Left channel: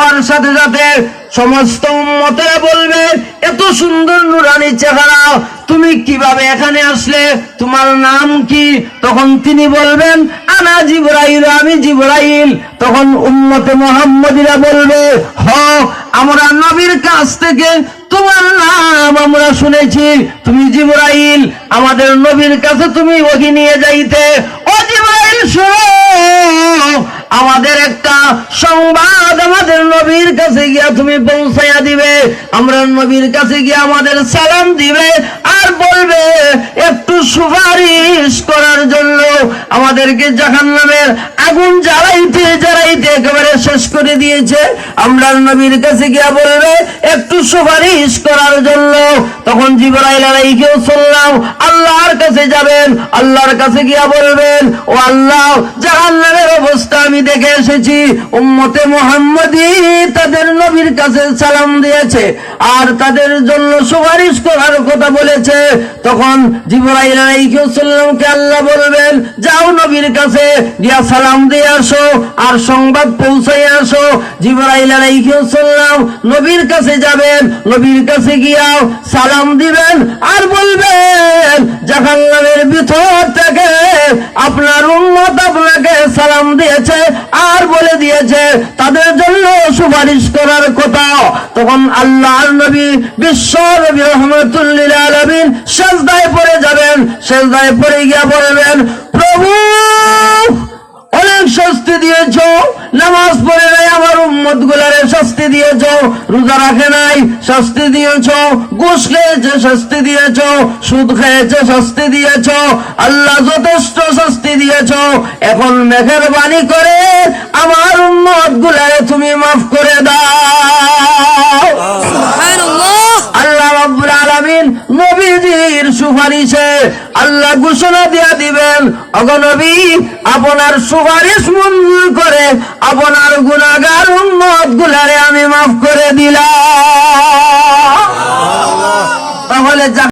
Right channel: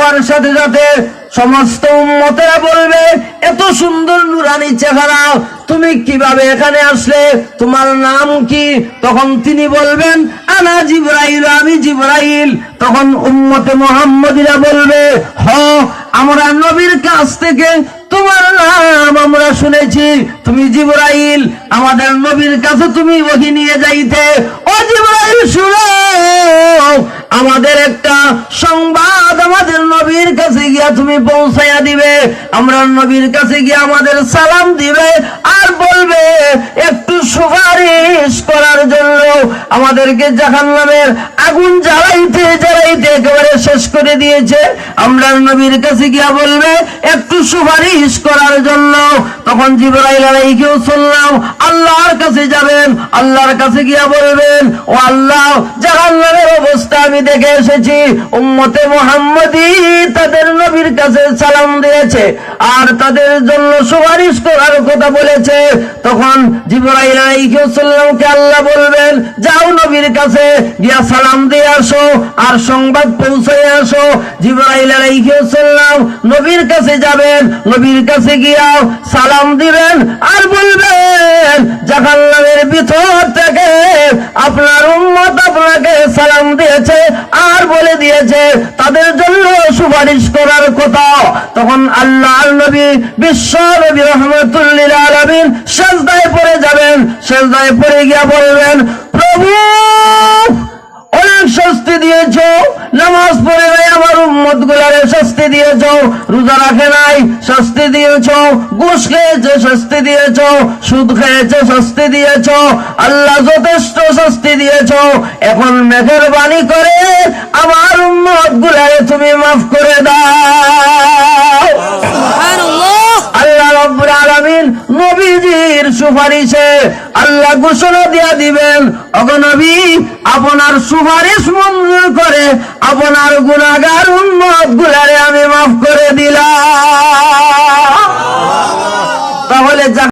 যাওয়ার সাথে সাথে সমস্ত উম্মতেরা বলবে, এত সুন্দর নুরানি চেহারা, তুমি কিভাবে এখানে আসলে, তোমার নাম কি? তখন তিনি বলবেন, আনা জিবরাইল, আমি জিবরাইল। তখন উম্মতে মুহাম্মদীরা বলবে, হ, আমরা নবীর কাছ থেকে তোমার নাম আমরা শুনেছি, তুমি জিবরাইল, আমাদের নবীর কাছে তুমি ওহী নিয়ে যাইতে। ও জিবরাইল, শুনো, আমাদের একটা সংবাদ আমাদের নবীর কাছে গিয়া তুমি পৌঁছাইয়া দিবে। আমরা নবীর কাছে গিয়া আমাদের সালাম দিবে আর বলবে, একটু সুপারিশ করার জন্য। আমাদেরকে জাহান্নামের আগুন জ্বালাইতে জ্বালাইতে একেবারে শেষ করে দিয়েছে, আমরা নবীর কাছে গিয়া বলবে একটু সুপারিশ করার জন্য। তখন জিবরাইল আলাইহিস সালাম আল্লাহর কাছে যাবেন, আল্লাহর কাছে গিয়া বলবেন, ও আল্লাহ, জাহান্নামের অবস্থা আমি দেখে এসেছি, উম্মতে মুহাম্মদী তাদের নবীর কাছে সালাম দিয়েছে আর তাদের জন্য সুপারিশ করার কথা বলেছে। তখন জিবরাইল আলাইহিস সালামকে আল্লাহ বলবেন, যাও নবীর কাছে গিয়া সালাম দিয়ে আসো আর সংবাদ পৌঁছাই আসো। জিবরাইল আলাইহিস সালাম নবীর কাছে যাবেন, নবীর কাছে গিয়া সালাম দিবেন আর বলবেন, জাহান্নামের ভিতর থেকে আপনার উম্মত আপনাকে সালাম দিয়েছে আর বলে দিয়েছে তাদের জন্য সুপারিশ করার কথা। তখন আল্লাহর নবী, বিশ্ব নবী রাহমাতুল লিল আলামিন সিজদায় পড়ে যাবেন, সিজদায় পড়ে গিয়া বলবেন, প্রভু, অনেক শাস্তি দিয়েছ, নামাজ পড়ে নাই আমার উম্মত গুলারে শাস্তি দিয়েছ, রোজা রাখে নাই শাস্তি দিয়েছ, ঘুষ খেয়েছে শাস্তি দিয়েছ, সুদ খেয়েছে শাস্তি দিয়েছ, আল্লাহ যথেষ্ট শাস্তি দিয়েছ। এখন মেহেরবানি করে আমার উম্মত গুলারে তুমি মাফ করে দাও। সুবহানাল্লাহ। আল্লাহ রাব্বুল আলামিন নবীজির সুপারিশে আল্লাহ ঘোষণা দিয়া দিবেন, ওগো নবী, আপনার সুপারিশ মঞ্জুর করে আপনার গুনাহগার উম্মত